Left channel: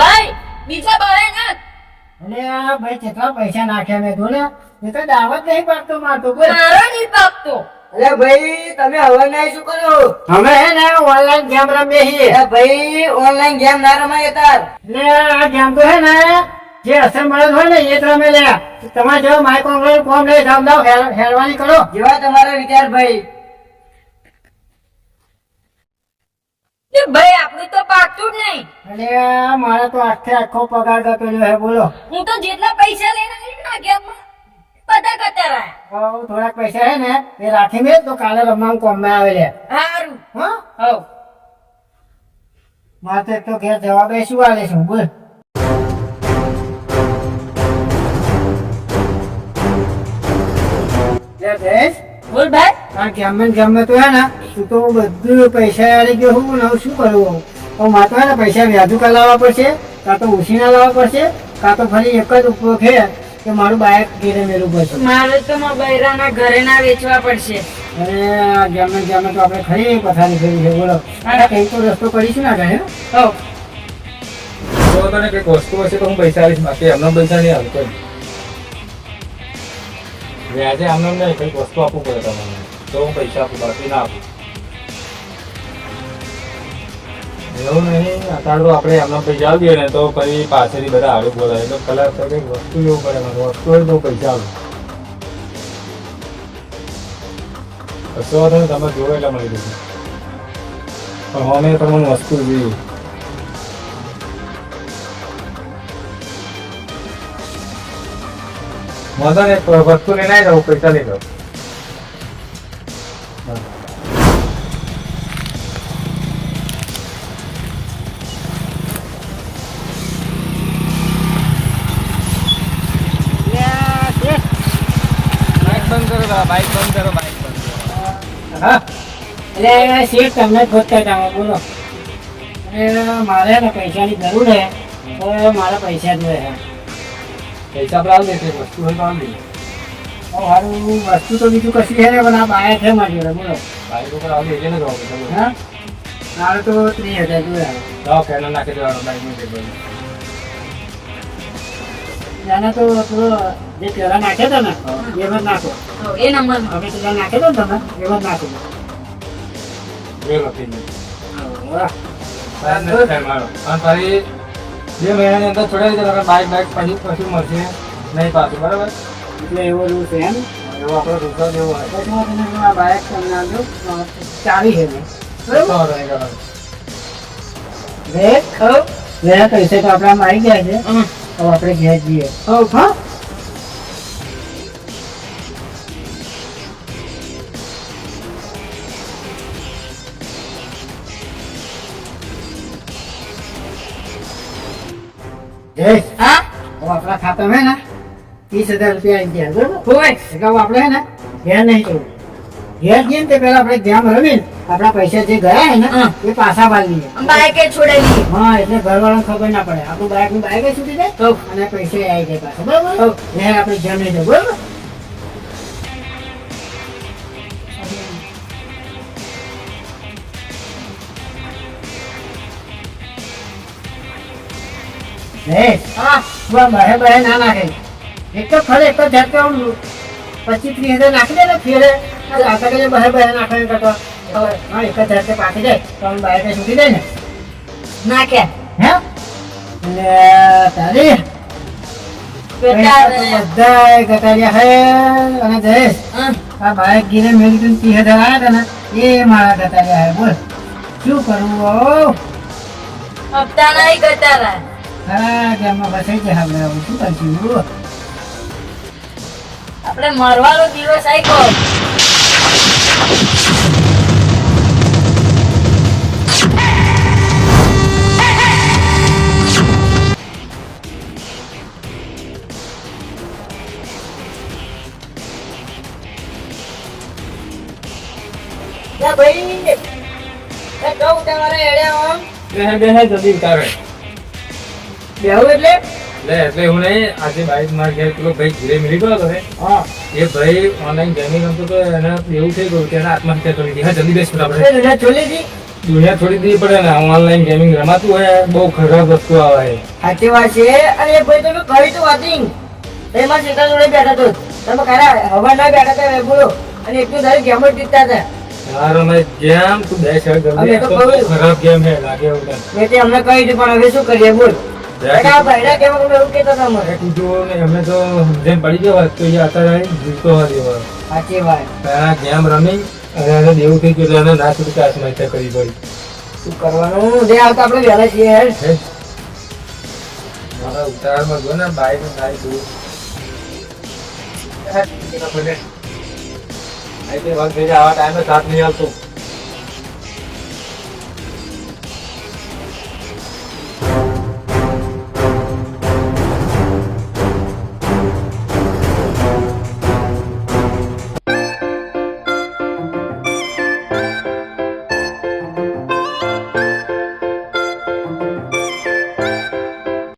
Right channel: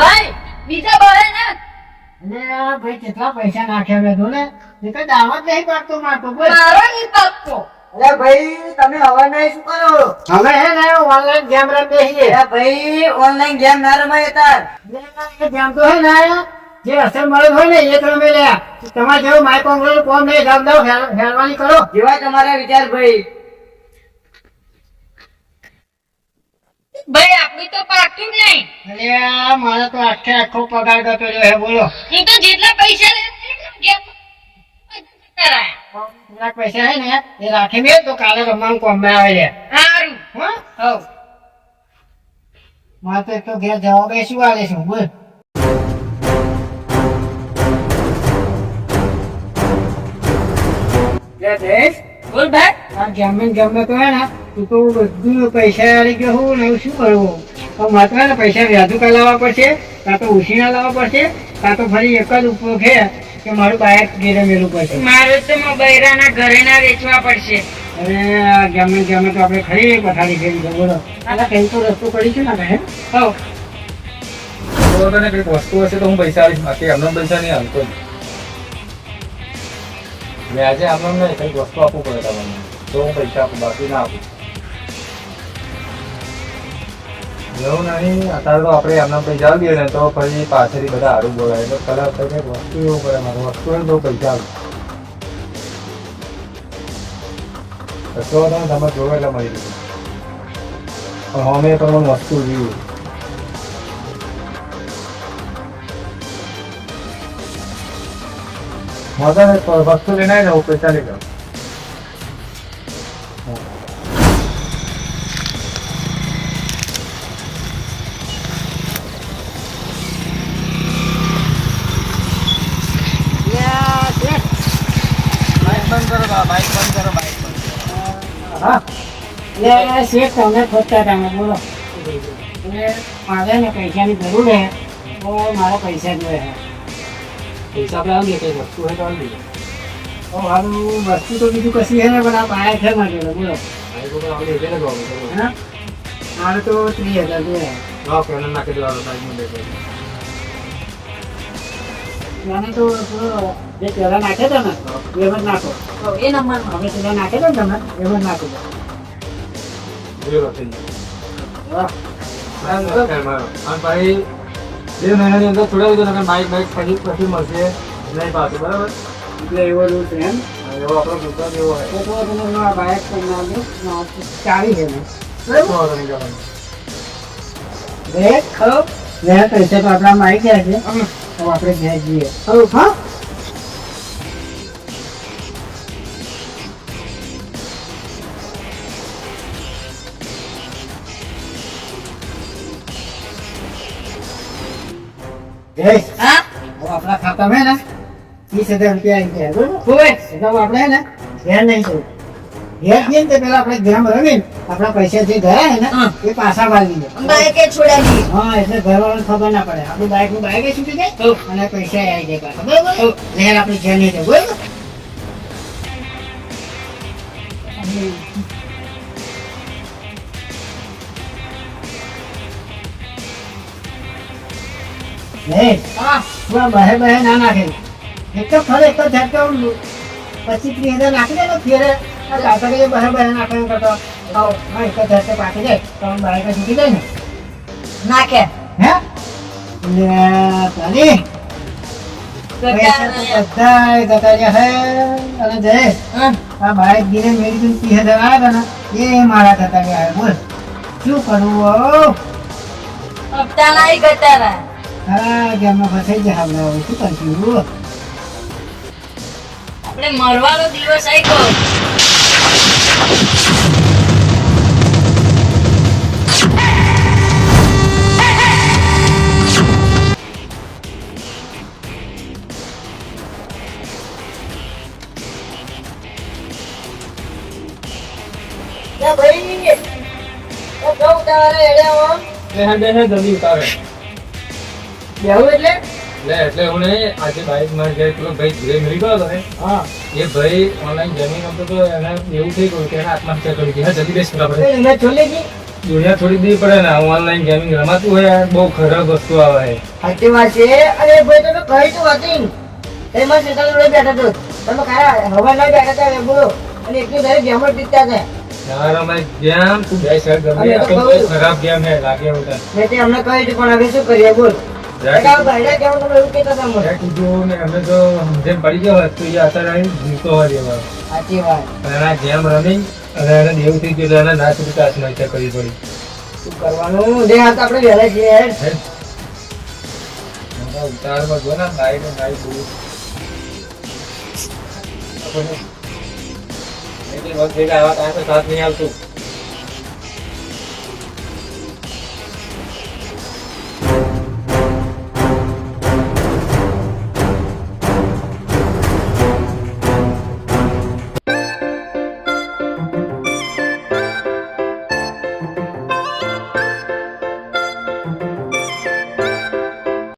ભાઈ બીજા બળે ના એટલે ભાઈ કેટલા પૈસા નાખ્યા મેં જો ને એ તો દાવત નહીં પાકતો મારતો બોલ. મારો નહીં પાકતો. અરે ભાઈ તમે હવે નહીં શું કરો? અમે હે ને ઓનલાઈન ગેમ રમીએ છીએ. અરે ભાઈ ઓનલાઈન ગેમ ના રમાય તાર. એટલે આ ગેમ તો હે ને જે અસર મળે હોય ને એ જ રમે લે. તમારે જેવો માઇક કોન્ટ્રોલ કોમ નહીં જામ દાવ હેરવાની કરો. જેવા તમારા વિચાર ભાઈ. ભાઈ આપણું તો પાકતું જ નહીં. એટલે મારે તો આખો પગાર ગતો રહ્યો હે બોલો. હું તો જેટલા પૈસા લેના ગેમમાં બધા કરતા રહ્યા. થોડાક પૈસા હે ને એ રાખી મેં તો કાલે રમવાનું કોમમાં આવે લે. સારું. હા હવ મારે તો એક તો ઘેર જવાબ શું આલે છે બોલ. બોલ ભાઈ. આ ગેમ તો હે ને તું તો બધું પૈસા આવી ગયો હું ને હવે શું કરવું. તો મારે તો હે ને પૈસા વ્યાજુ લાવવા પડશે, કાં તો ઉછીના લાવવા પડશે, કાં તો ફરી એક જ ઉપયોગ છે કે મારું બાઇક ઘેરે મેળવું પડશે. મારે તો બૈરાના ઘરે ના વેચવા પડશે. અરે આ ગેમ તો આપણે ખરી પથારી ફેરી છે બોલો. કઈ તો રસ્તો કરીશું ને આગળ. જો તને કંઈક વસ્તુ હશે તો હું પૈસા આવીશ, બાકી એમનો પૈસા નહીં હાલતો. વ્યાજે આમનો નહીં, કંઈક વસ્તુ આપવું પડે તમને તો હું પૈસા આપું, બાકી ના આપું. એવું નહીં, અત્યારે તો આપણે એમના પૈસા આવીએ ને તો ફરી પાછળથી બધા આડું બોલે એટલે કલર તો કંઈક વસ્તુ લેવું પડે. મારે વસ્તુ હોય તો પૈસા આપું. વસ્તુ હોય તો તમે જોવો એટલે મળી જશે, પણ અમે તમને વસ્તુ જોઈએ. મજા નહીં, વસ્તુ લઈને આવી જાઉં, પૈસા લઈ જાઉં. બાઇક બંધ કરો, બાઇક બંધ કરો, બાઇક બંધ કરો. હા એટલે શેઠ તમને ખોટતા તમે બોલો. એટલે મારે ને પૈસાની જરૂર છે તો મારા પૈસા જ હોય. પૈસા આપણે આવી દે, વસ્તુ હોય તો આવી દે. મારું વસ્તુ તો બીજું કશી છે ને પણ આ બાઇક છે મારી જોડે બોલો. બાઇક ઉપર આવી દે, જવાનું તમે. હા મારે તો 30,000 જોઈએ. જાઓ કેનલ નાખી દેવાનું બાઇકનું દે. ત્યાંને તો પેલો જે પહેલા નાખ્યો હતો ને એમ જ નાખો. એ નંબરમાં હવે પેલા નાખ્યો હતો ને તમે એમ જ નાખો. એ લખી દે. વાહ અને તારી 2 મહિનાની અંદર છોડાવી દે, બાઇક પછી મળશે નહીં પાછું, બરાબર? એટલે એવો રૂલ છે એમ. એવો આપણો ગુજરાત એવો હોય. તો તમે આ બાઇક તમને આપજો ચાવી છે ને બરાબર નહીં કરવાનું. રે પૈસા તો આપણા આવી ગયા છે. હવે આપણે ઘેર જઈએ. હા જયેશ, હા હવે આપણા ખાતામાં હે ને 30,000 રૂપિયા આવી ગયા બરોબર. હોય એટલે હવે આપણે હે ને ઘેર નહીં જવું. ઘેર જઈએ ને તે પેલા આપણે ગેમ રમીને આપણા પૈસા જે ગયા હે ને એ પાછા પાડી દઈએ. બાઈકે છોડાવી. હા એટલે ઘરવાળાને ખબર ના પડે. આપણું બાઇક છૂટી જાય અને પૈસા આવી જાય પાછા બરોબર. ઘેર આપણે ઘેર નહીં જવું બરોબર. હા બહે ના નાખે. એક તો ખરે એક જ ઝટકા 25-30,000 નાખી દે ને ફેરે કાકા કે બહે નાખવાની કરતો. હા એક જ ઝટકે પાકી જાય તો બાઇક છૂટી જાય ને. નાખે હે અને તારી પૈસા તો બધા ગતાર્યા હે. અને જયેશ આ બાઇક ગીરે મેળી 30,000 આવ્યા હતા ને એ મારા ગતાર્યા હે. બોલ શું કરવું. હપ્તા નહીં ગટારા. હા ગેમમાં ફસાઈ ગયા અમે. હવે શું કરીશું. આપણે મરવાનો દિવસ આવી ગયો. ભાઈ બે જલ્દી ઉતારે. બેહું એટલે એટલે હું નહીં, આજે બાઇક મારા ઘેર પેલો ભાઈ ઘીરે મળી ગયો હતો ને, હા એ ભાઈ ઓનલાઈન જમી ગમતો તો એને એવું થઈ ગયું કે એને આત્મહત્યા કરી દીધી. હા જલ્દી બેસ આપણે. એટલે ચોલી ગઈ. દુનિયા થોડી દી પડે ને ઓનલાઈન ગેમિંગ રમાતું હોય બહુ ખરાબ વસ્તુ આવે સાચી વાત છે. અને ભાઈ તમે કહી તો હતી એમાં સીતા જોડે બેઠા તો તમે ખરા હવા ના બેઠા હતા બોલો અને એટલું દરેક ગેમો જીતતા હતા. યાર અમે ગેમ તું બે શેર અમે ગમે તો તો બહુ કહ્યું. ખરાબ ગેમ હે લાગે એવું તને. મેં તે અમને કહી હતું પણ હવે શું કરીએ બોલ. આ બહેરા કેમ તમે એવું કહેતા હતા મને. મેં કીધું ને અમે તો સમજણ પડી ગયો હોત તો એ અત્યારે જીવતો હોત એવો. સાચી વાત. એના ગેમ રમી અને એને દેવું થઈ ગયું એટલે એને ના છૂટકે આત્મહત્યા કરી પડી. શું કરવાનું દે હાલ તો આપણે વહેલા છીએ હેડ. હે? મારા ઉતાવળમાં જો ને બાઈક ને ગાડી જોઉં. વખત થઈ ગયા આવા ટાઈમે સાથ નહીં આવતું.